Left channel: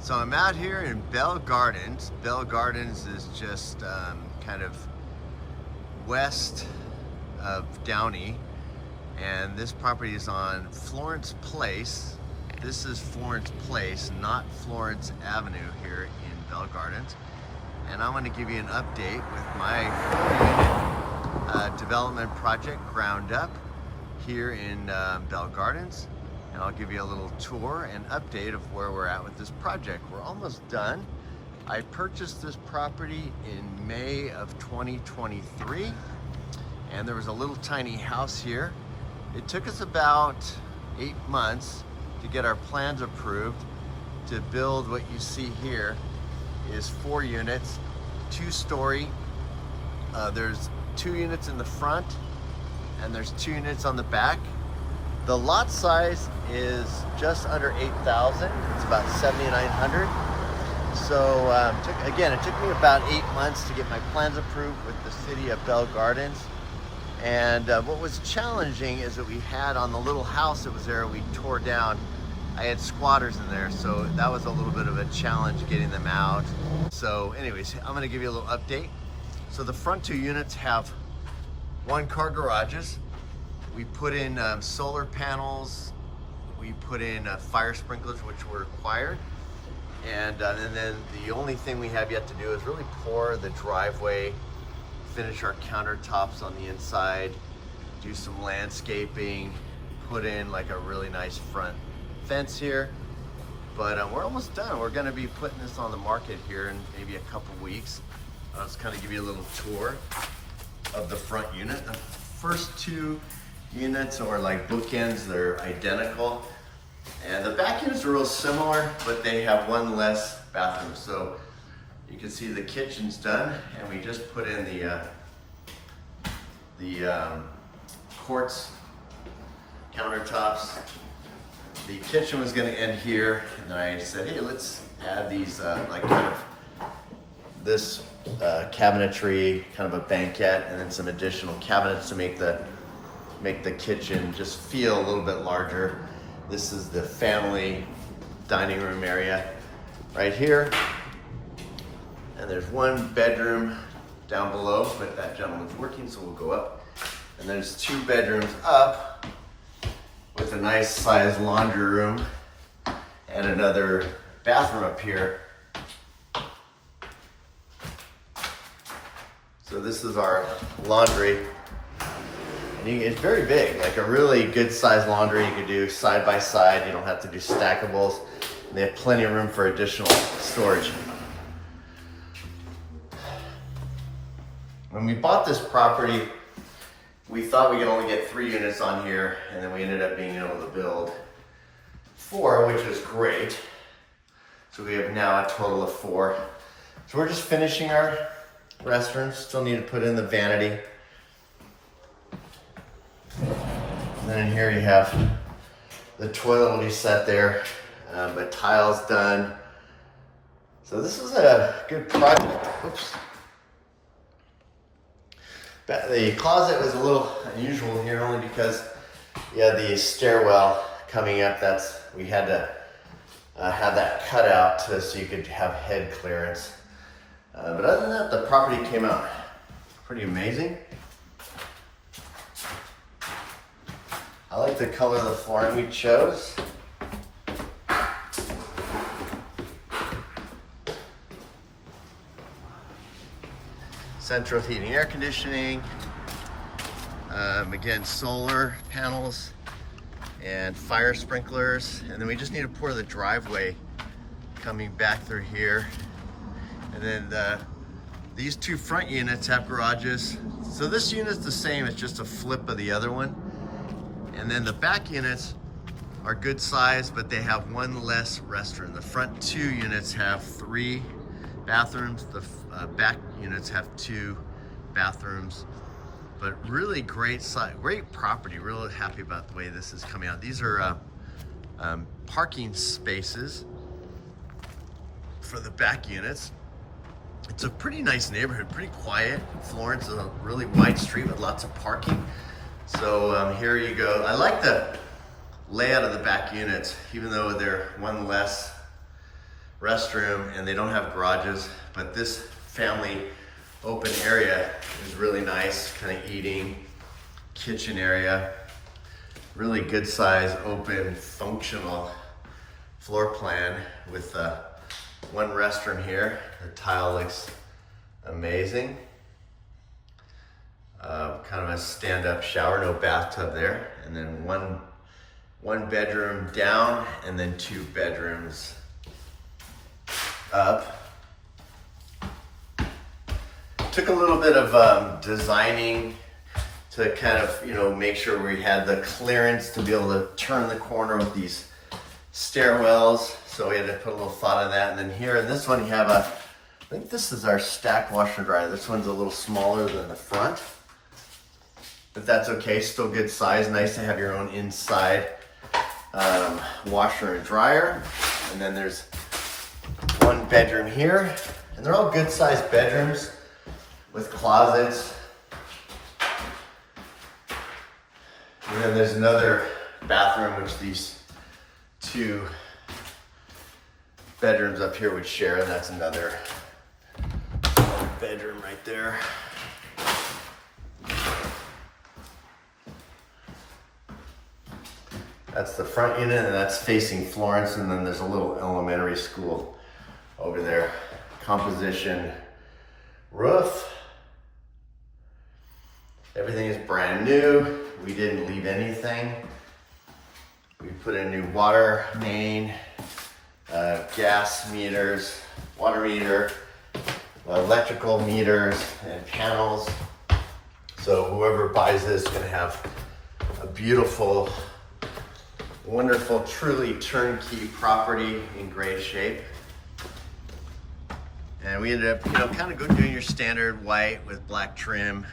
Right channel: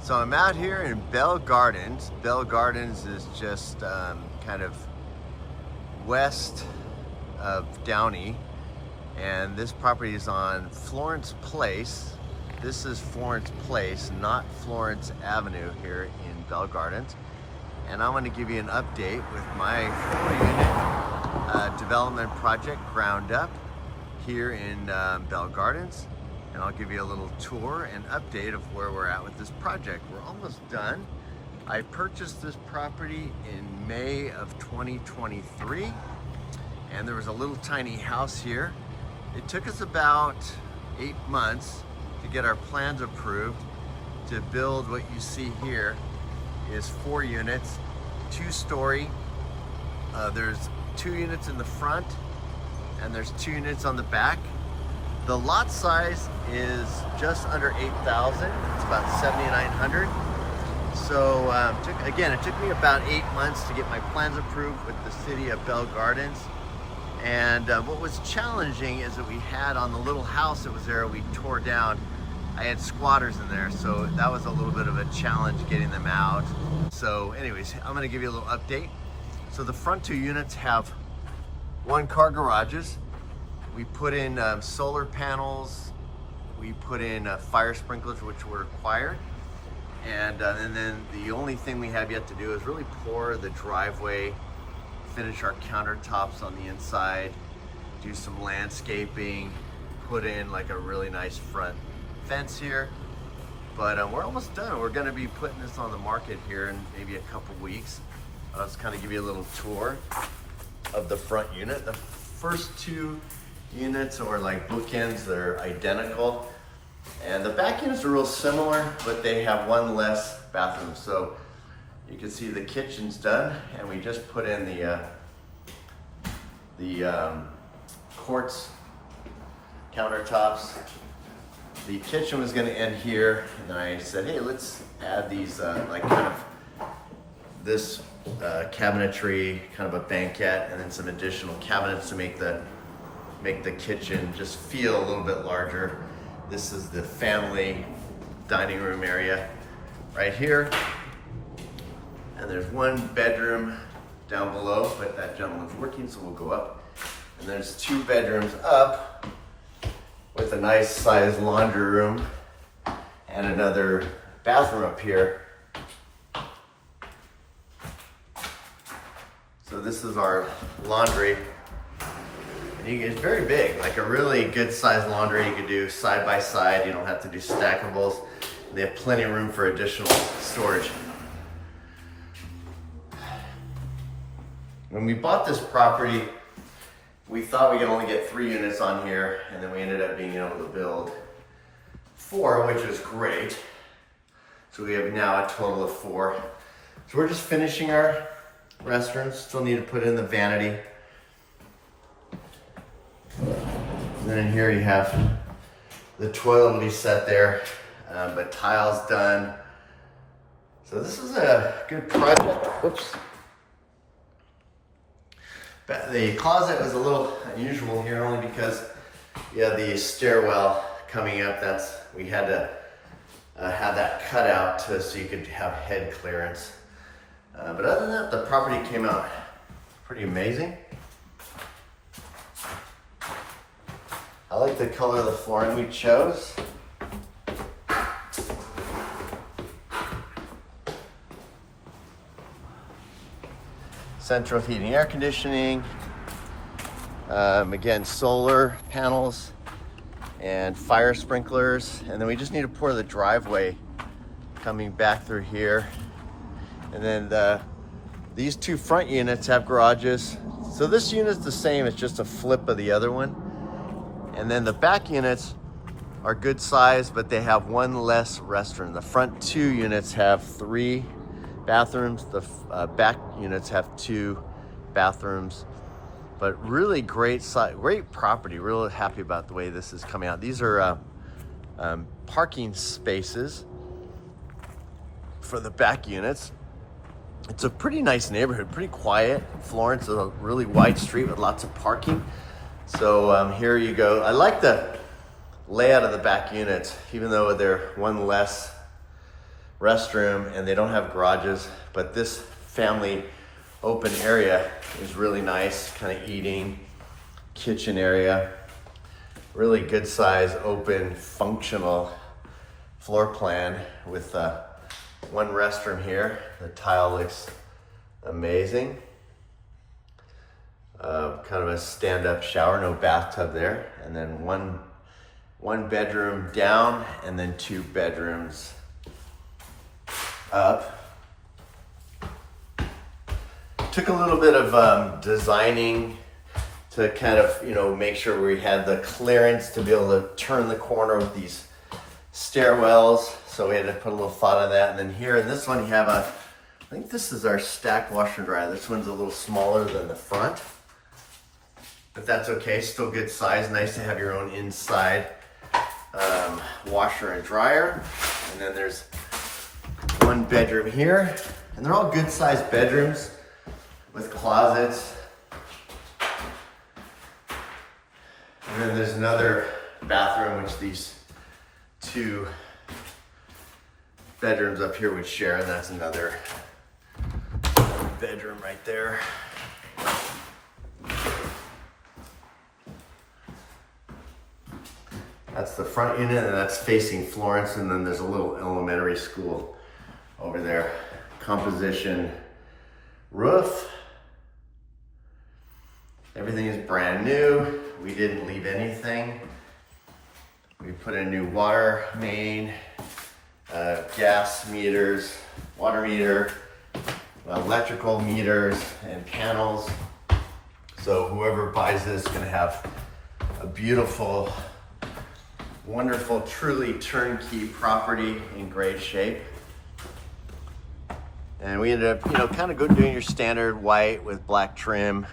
So I'm out here in Bell Gardens. Bell Gardens is just kind of west of Downey, and this property is on Florence Place. This is Florence Place, not Florence Avenue here in Bell Gardens. And I'm going to give you an update with my 4-unit development project, ground up, here in Bell Gardens. And I'll give you a little tour and update of where we're at with this project. We're almost done. I purchased this property in May of 2023, and there was a little tiny house here. It took us about 8 months to get our plans approved to build what you see here is 4 units, 2-story. There's 2 units in the front and there's 2 units on the back. The lot size is just under 8,000. It's about 7,900. So it took me about 8 months to get my plans approved with the city of Bell Gardens. And what was challenging is that we had on the little house that was there, we tore down, I had squatters in there. So that was a little bit of a challenge getting them out. So anyways, I'm gonna give you a little update. So the front 2 units have 1-car garages. We put in solar panels, we put in fire sprinklers, which were required. And then the only thing we have yet to do is really pour the driveway, finish our countertops on the inside, do some landscaping, put in like a really nice front fence here. But we're almost done. We're gonna be putting this on the market here in maybe a couple weeks. I'll just kind of give you a little tour of the front unit. The first 2 units are like bookends, they're identical. And the back units are real similar, but they have 1 less bathroom. So you can see the kitchen's done, and we just put in the quartz countertops. The kitchen was gonna end here, and then I said, hey, let's add these like kind of this cabinetry, kind of a banquette, and then some additional cabinets to make the kitchen just feel a little bit larger. This is the family dining room area right here. And there's 1 bedroom down below, but that gentleman's working, so we'll go up. And there's 2 bedrooms up with a nice sized laundry room and another bathroom up here. So this is our laundry. It's very big, like a really good sized laundry. You could do side by side. You don't have to do stackables. They have plenty of room for additional storage. When we bought this property, we thought we could only get 3 units on here, and then we ended up being able to build 4, which is great. So we have now a total of 4. So we're just finishing our restrooms. Still need to put in the vanity. And then here you have the toilet will be set there, but tiles done. So this is a good project. Whoops. The closet was a little unusual here only because you had the stairwell coming up. We had to have that cut out so you could have head clearance. But other than that, the property came out pretty amazing. I like the color of the flooring we chose. Central heating, air conditioning. Again, solar panels and fire sprinklers. And then we just need to pour the driveway coming back through here. And then these 2 front units have garages. So this unit's the same, it's just a flip of the other one. And then the back units are good size, but they have 1 less restroom. The front 2 units have 3 bathrooms. The back units have 2 bathrooms. But really great property. Really happy about the way this is coming out. These are parking spaces for the back units. It's a pretty nice neighborhood, pretty quiet. Florence is a really wide street with lots of parking. So here you go. I like the layout of the back units, even though they're 1 less restroom, and they don't have garages, but this family open area is really nice, kind of eating, kitchen area. Really good size, open, functional floor plan with one restroom here. The tile looks amazing. Kind of a stand-up shower, no bathtub there. And then one bedroom down, and then 2 bedrooms up. Took a little bit of designing to kind of, make sure we had the clearance to be able to turn the corner with these stairwells. So we had to put a little thought on that. And then here in this one, you have I think this is our stack washer and dryer. This one's a little smaller than the front, but that's okay, still good size. Nice to have your own inside washer and dryer. And then there's one bedroom here, and they're all good sized bedrooms with closets. And then there's another bathroom, which these 2 bedrooms up here would share, and that's another bedroom right there. That's the front unit, and that's facing Florence, and then there's a little elementary school over there. Composition roof. Everything is brand new. We didn't leave anything. We put in new water main, gas meters, water meter, electrical meters, and panels. So whoever buys this is gonna have a beautiful, wonderful, truly turnkey property in great shape. And we ended up, kind of doing your standard white with black trim,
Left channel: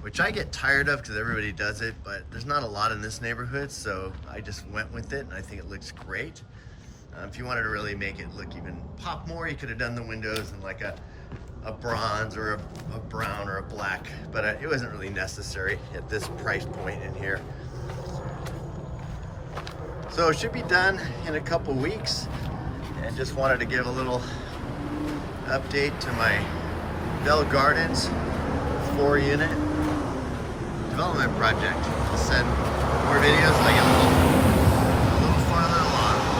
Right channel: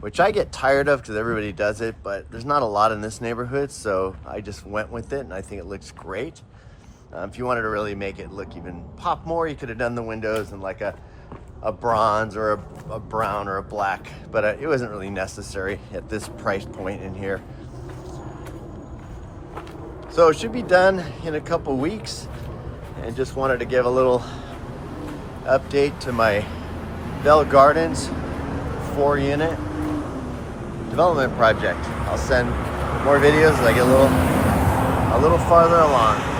which I get tired of because everybody does it, but there's not a lot in this neighborhood, so I just went with it, and I think it looks great. If you wanted to really make it look even pop more, you could have done the windows in like a bronze or a brown or a black, but it wasn't really necessary at this price point in here. So it should be done in a couple weeks, and just wanted to give a little update to my Bell Gardens 4-unit development project. I'll send more videos as I get a little farther along.